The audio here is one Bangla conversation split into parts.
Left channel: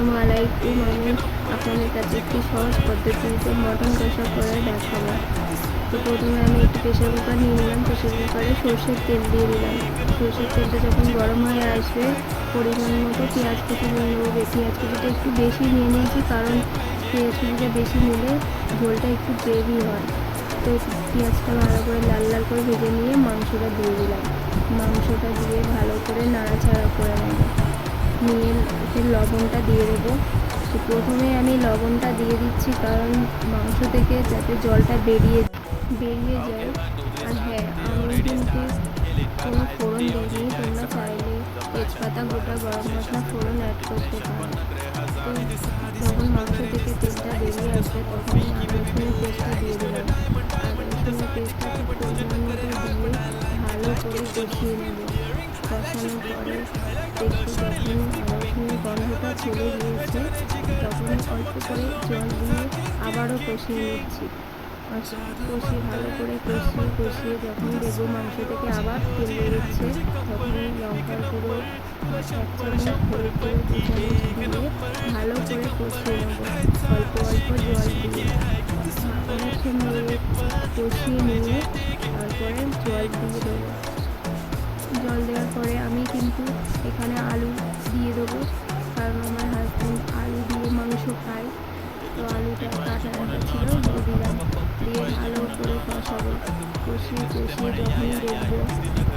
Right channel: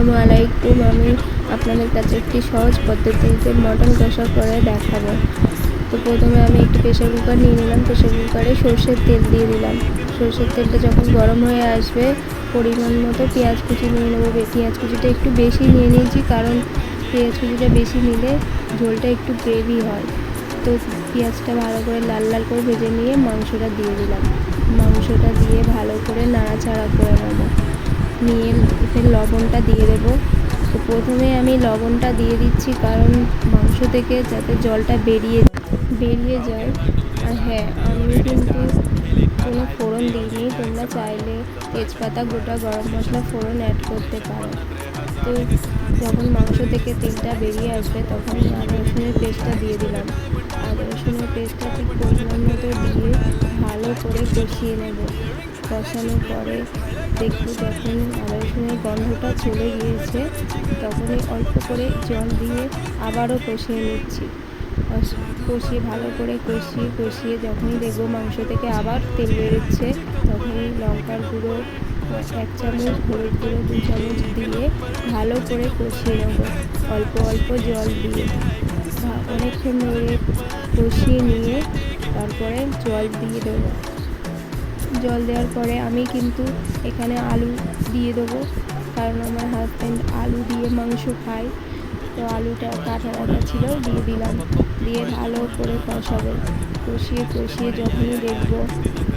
আসসালামু আলাইকুম। আমি আপনাদের কাছে একটি সহজ পদ্ধতিতে মটন কষা করে দেখাবো। তো প্রথমে আমি একটি প্রেসার কুকার নিয়ে নিলাম। প্রেসার কুকারে সরষের তেল দিয়ে দিলাম। সরষের তেলটা যখন গরম হয়ে আসবে পরিমাণ মতো পেঁয়াজ কুচি নিয়ে নেবো। পেঁয়াজ কুচিটা একটু বেশি নিয়ে নিয়েছি, কারণ পেঁয়াজ কুচিটা বেশি নিলে ঝোলটা একটু গ্রেভি হয়। তো পেঁয়াজটা ভালো করে লাল লাল করে ভেজে নিয়ে মাংসটা দিয়ে দিলাম। মাংসটা দিয়ে ভালো করে নাড়াচাড়া করে নেবো। নিয়ে এখানে লবণটা দিয়ে দেবো। তো প্রথমে আমি লবণটা দিয়ে দিচ্ছি, কারণ মাংস থেকে যাতে জলটা বেরিয়ে যায়। আর হ্যাঁ, আমি কিন্তু কোনো ফোড়ন দিইনি। তোমরা চাইলে তেজপাতা, গোটা গরম মশলা ফোড়ন অ্যাড করতে পারো। তো যখন মাংস থেকে তেলটা বেরিয়ে আসবে তখন আমি আদা রসুনের পেস্টটা দিয়ে দিলাম। আদা রসুনের পেস্টটা খুব পরিমাণ মতো দিয়ে ভালো করে কষিয়ে নেব। কষানোর পরে দেখি যখন আদা রসুনের গন্ধটা চলে গিয়েছে তখনই অল্প করে জল দিয়ে আবারও কষিয়ে নিচ্ছি। কষিয়ে ভালো করে কষিয়ে যখন দেখবো মাংস থেকে আবার তেল বেরোচ্ছে তখনই লঙ্কার গুঁড়ো 1 চামচ, হলুদ গুঁড়ো 2 চামচ দিয়ে ভালো করে কষিয়ে নেবো অল্প অল্প জল দিয়ে। অনেকক্ষণ ধরে কষিয়ে নিয়ে তারপরে জল দিয়ে দেবো। জল দেওয়ার পরে আমি কিন্তু এখানে আলু দিয়ে দেবো, কারণ আমার হাজব্যান্ড আলু দিয়ে মাংস খায়। তো আলুটা কাটা ছিল দিয়ে দিলাম। দিয়ে ভালো করে কষাবো। কষিয়ে যখনই দেখবো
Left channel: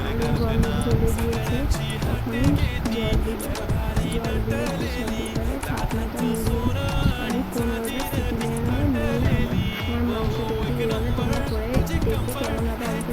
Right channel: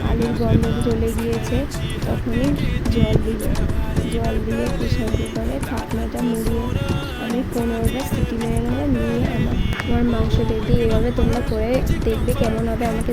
আলুর গন্ধ চলে গিয়েছে তখনই জল দিব। জল দিয়ে প্রেসার কুকারে ঢাকনাটা মুড়িয়ে আমি 15টা সিটি মেরে নিয়ে আমার মাংস তৈরি। এভাবে তোমরা করে দেখবে কেমন হবে আমাকে